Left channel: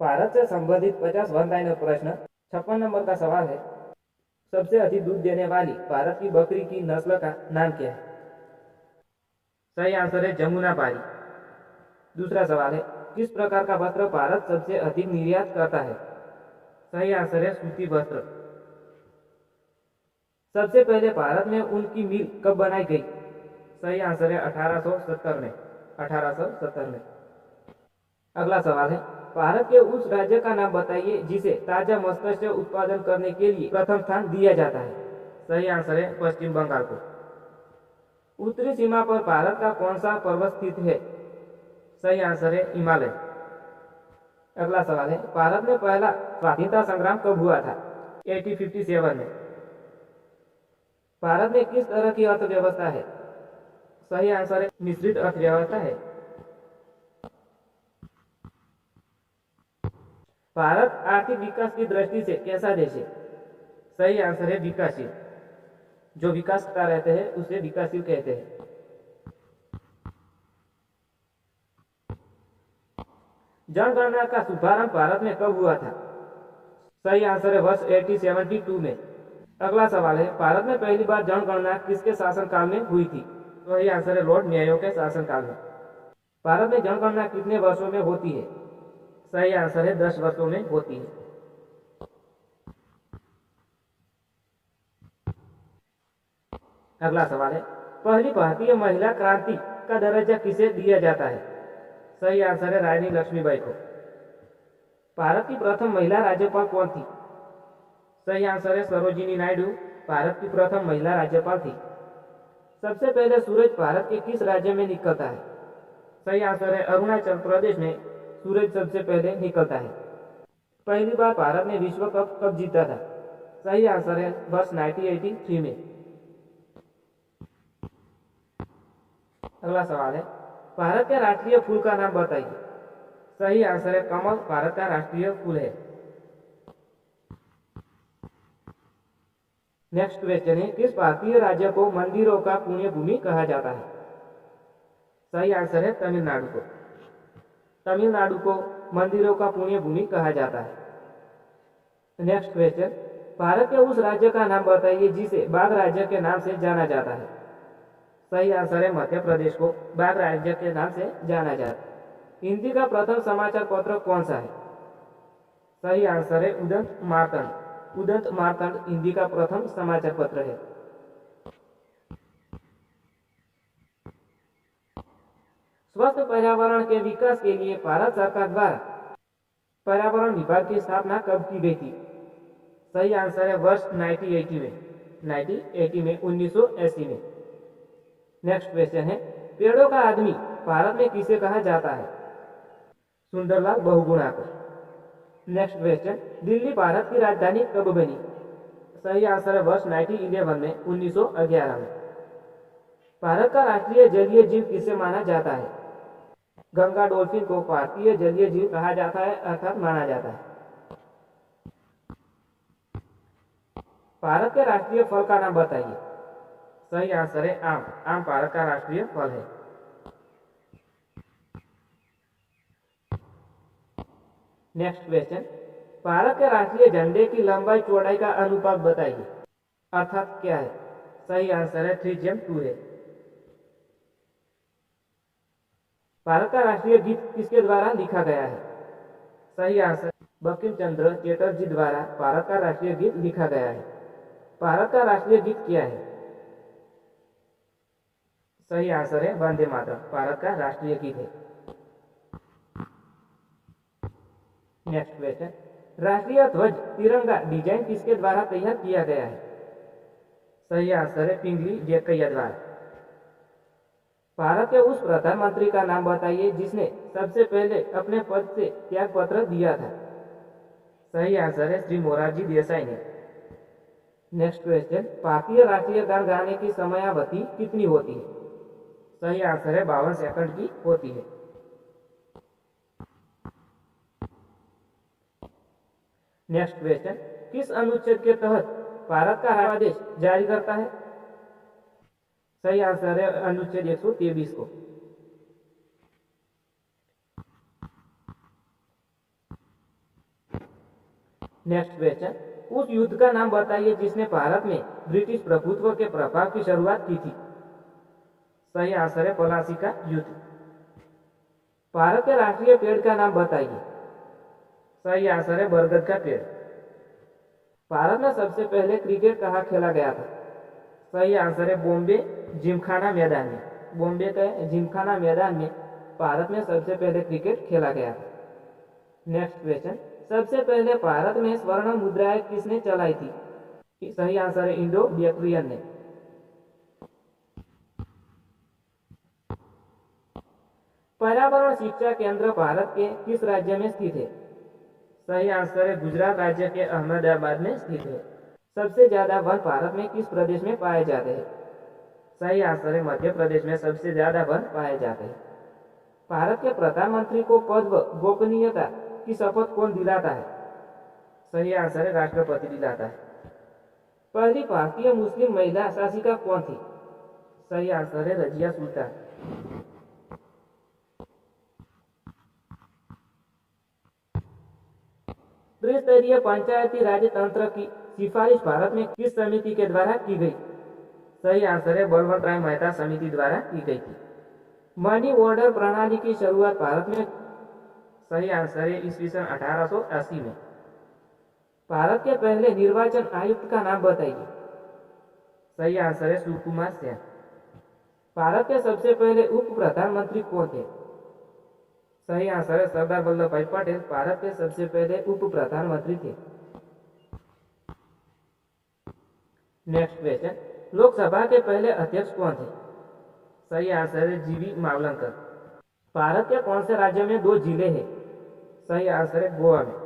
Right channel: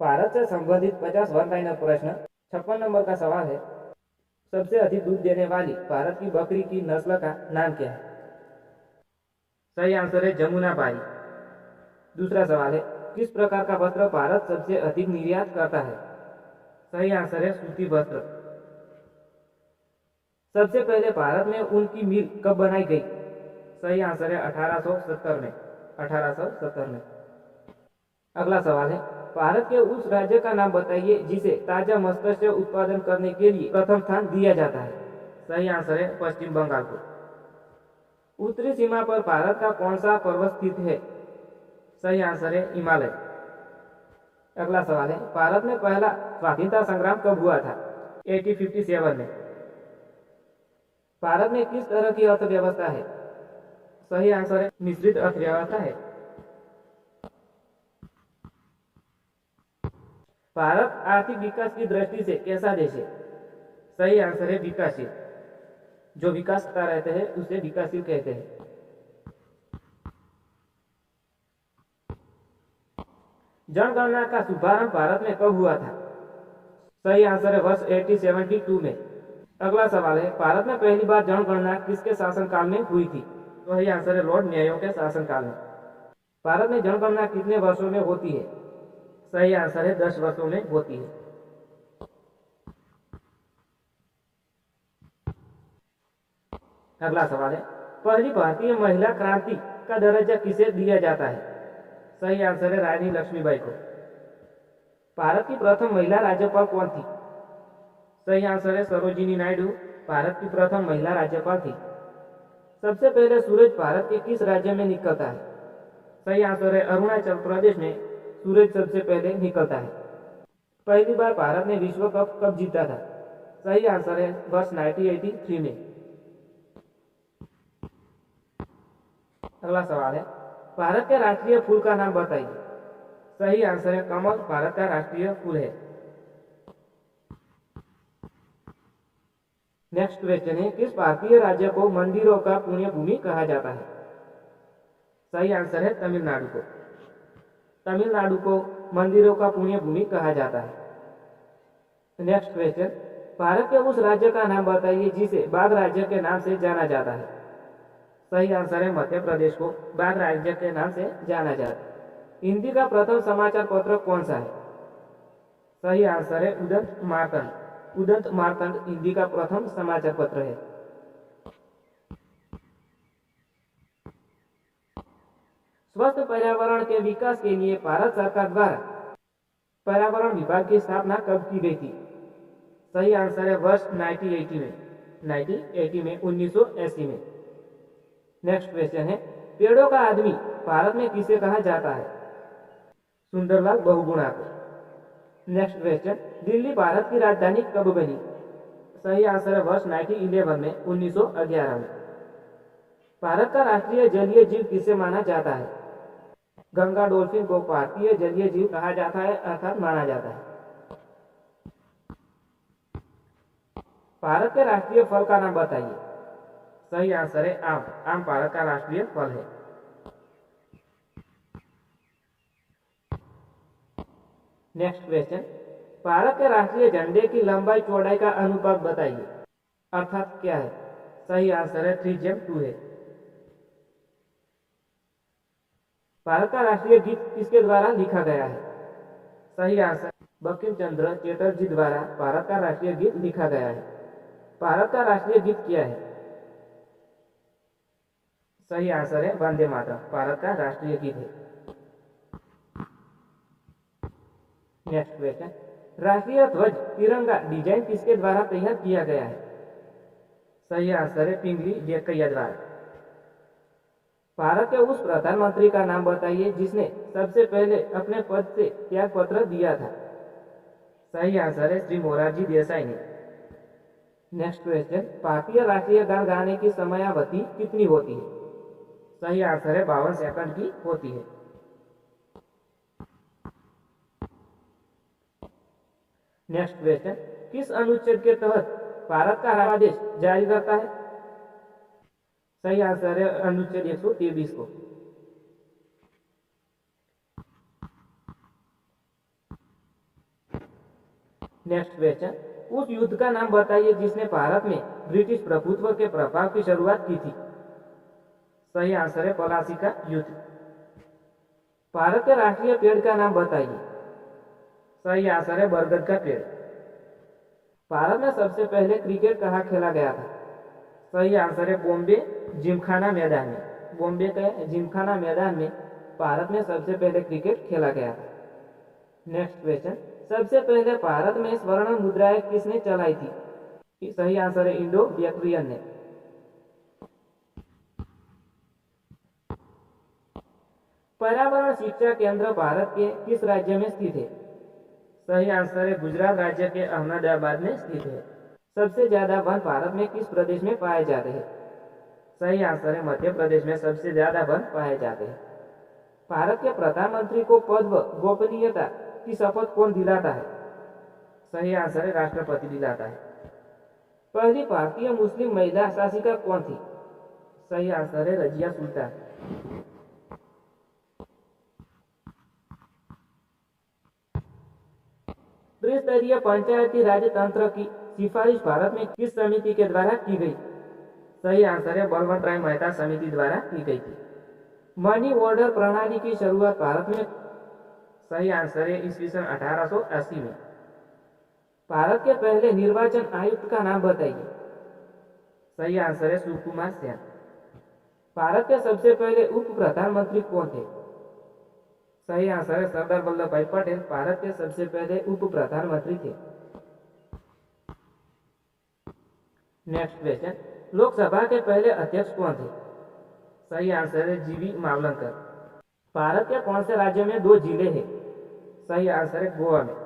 भारत से संबंधित 50 one liner प्रश्न। 56 नंबर का सवाल है, सबसे अधिक दूध देने वाली भारत की बकरी की नस्ल का नाम क्या है? सही आंसर है जमुना पारी। दूसरा सवाल है, किस प्रकार का वस्त्र भारत सबसे अधिक निर्यात करता है? सही आंसर है सूती वस्त्र। सबसे पहले भारत में ऊन की मिल कब बनाई गई? सही आंसर है 1870 में। 1870 में। अगला सवाल है, भारत के उस राज्य का नाम बताइए जिसे ताजा मत्स्य उत्पादन करने के लिए प्रथम स्थान दिया जाता है। सही आंसर है पश्चिम बंगाल को। उत्तरी सीमा पर भारत का कौन सा पर्वत स्थित है? सही आंसर है हिमालय। अगला सवाल है, भारत में पहला स्वाधीनता संग्राम कब हुआ था? 1857 में। भारत में किस तरह की अर्थव्यवस्था है? सही आंसर है मिश्रित अर्थव्यवस्था है। भारत आर्थिक विकास की दृष्टि से कैसा देश है? सही आंसर है विकासशील। जो विकास करता रहते हैं उसे विकासशील कहते हैं। जनगणना का शुभारंभ भारत में कब हुआ था? सही आंसर है वर्ष 1872 में। अगला सवाल है, भारत में पहली बार जनगणना किसके शासनकाल में हुई थी? सही आंसर है लॉर्ड मेयो के शासनकाल में। भारत में जनगणना कितने वर्षों में होती है? सही आंसर है 10 वर्षों में होती है। अगला सवाल है, पहली भारतीय महिला क्रांति का दर्जा किसे दिया जाता है? सही आंसर है रानी लक्ष्मीबाई को। भारत की प्रथम महिला राज्यपाल कौन थी? सही आंसर है सरोजिनी नायडू भारत की प्रथम महिला राज्यपाल थी। सबसे पहले सूरज भारत के किस राज्य में निकलता है? सही आंसर है अरुणाचल प्रदेश में सूरज सबसे पहले निकलता है। पहली बार भारत ने विश्व कप कब जीता था? सही आंसर है वर्ष 1983 में। अगला सवाल है, भारत के राष्ट्रीय फूल का नाम बताइए। सही आंसर है कमल भारत का राष्ट्रीय फूल है। नेक्स्ट क्वेश्चन है, किस भारतीय राज्य को मंदिरों का पुण्य भूमि कहा जाता है? सही आंसर है तमिलनाडु को। तमिलनाडु को मंदिरों का पुण्य भूमि कहा जाता है। नेक्स्ट क्वेश्चन, भारत के उस राज्य का नाम बताइए जिसे बाघ राज्य के नाम से जाना जाता है। सही आंसर है मध्य प्रदेश को बाघ राज्य के नाम से जाना जाता है। हिंदी का प्रथम समाचार पत्र कौन सा है? सही आंसर है उदंत मार्तंड। उदंत मार्तंड हिंदी का प्रथम समाचार पत्र है। स्वस्थ पर्यावरण के विकास के लिए भारत सरकार द्वारा पर्यावरण विभाग की स्थापना कब की गई थी? सही आंसर है वर्ष 1980 में। 1980 में। नेक्स्ट क्वेश्चन है, पेड़ों का आदमी भारत में किसे कहा जाता है? सुंदरलाल बहुगुणा को। नेक्स्ट क्वेश्चन, दिल्ली भारत की राजधानी कब बनी? सही आंसर है वर्ष 1911 में 1911 में। भारत का राष्ट्रीय जलीय जीव किसे माना जाता है? गंगा डॉल्फिन को भारतीय जलीय जीव कहा जाता है अर्थात माना जाता है। भारत के राष्ट्रीय फल का नाम बताइए। सही आंसर है आम। आम भारत का राष्ट्रीय फल है। नेक्स्ट क्वेश्चन, भारत के राष्ट्रीय झंडे की लंबाई चौड़ाई का अनुपात बताइए अर्थात क्या है? सही आंसर है 3:2 है। भारत का राष्ट्रीय गीत किसके द्वारा लिखा गया है? सही आंसर बंकिम चंद्र चटर्जी द्वारा भारत का राष्ट्रीय गीत लिखा गया है। भारत का राष्ट्रीय गीत क्या है? सही आंसर है वंदे मातरम भारत का राष्ट्रीय गीत है। नेक्स्ट क्वेश्चन, राष्ट्रीय ध्वज तिरंगा डिजाइन किसके द्वारा तैयार किया गया है? सही आंसर है पिंगली वेंकैया द्वारा। भारत के उस प्रधानमंत्री का नाम बताइए जिसने सबसे पहले अपने पद से त्याग पत्र दिया था। सही आंसर है श्री मोरारजी देसाई ने। नेक्स्ट क्वेश्चन, भारतीय राष्ट्रीय गान गाने की समयावधि कितनी होती है? सही आंसर है 52 सेकंड की होती है। नेक्स्ट क्वेश्चन, किस अनुच्छेद के तहत भारत का आदेश जारी करता है? सही आंसर है अनुच्छेद 123 को। नेक्स्ट क्वेश्चन, उस युद्ध का नाम बताइए जिसने भारत में ब्रिटिश प्रभुत्व के प्रभाव की शुरुआत की थी। सही आंसर है पलासी का युद्ध। भारत के राष्ट्रीय पेड़ का नाम बताइए। सही आंसर है बरगद का पेड़। भारत में सबसे पहले क्रिकेट कहाँ खेला गया था। सही आंसर है बॉम्बे जिमखाना मैदान में। बॉम्बे के जिमखाना मैदान में भारत में सबसे पहले क्रिकेट खेला गया था। नेक्स्ट क्वेश्चन, सबसे पहले भारत में स्वर्ण मुद्राएं किसने चलाई थी। सही आंसर है इंडो बैक्ट्रियन ने। पर्यावरण शिक्षा केंद्र भारत के किस राज्य में स्थित है। सही आंसर है गुजरात राज्य के अहमदाबाद में स्थित है। सबसे ज्यादा वन भारत में किस प्रदेश में पाए जाते हैं। सही आंसर है मध्य प्रदेश में सबसे ज्यादा वन पाए जाते हैं। भारत के प्रधानमंत्री को पद व गोपनीयता की शपथ कौन दिलाता है। सही आंसर है राष्ट्रपति दिलाता है। पहली भारतीय मुस्लिम महिला शासिका कौन थी। सही आंसर है रजिया सुल्तान। त्रिस्तरीय पंचायती राज तंत्र की सिफारिश भारत में किस समिति के द्वारा की गई। सही आंसर है बलवंत राय मेहता समिति द्वारा की गई थी। मनी ऑर्डर प्रणाली की शुरुआत भारत में। सही आंसर है ईस्वी सन 1880 में। भारत के पहले निर्वाचन आयुक्त का नाम बताइए। सही आंसर है सुकुमार सेन। भारत के सबसे पहले उप प्रधानमंत्री कौन थे। सही आंसर है सरदार वल्लभ भाई पटेल भारत के सबसे पहले उप प्रधानमंत्री थे। नेक्स्ट क्वेश्चन, लोकसभा के पहले अध्यक्ष कौन थे। सही आंसर है जीवी मावलंकर। भारत के कौन से राज्य में 2 जिले हैं। सही आंसर है गोवा में।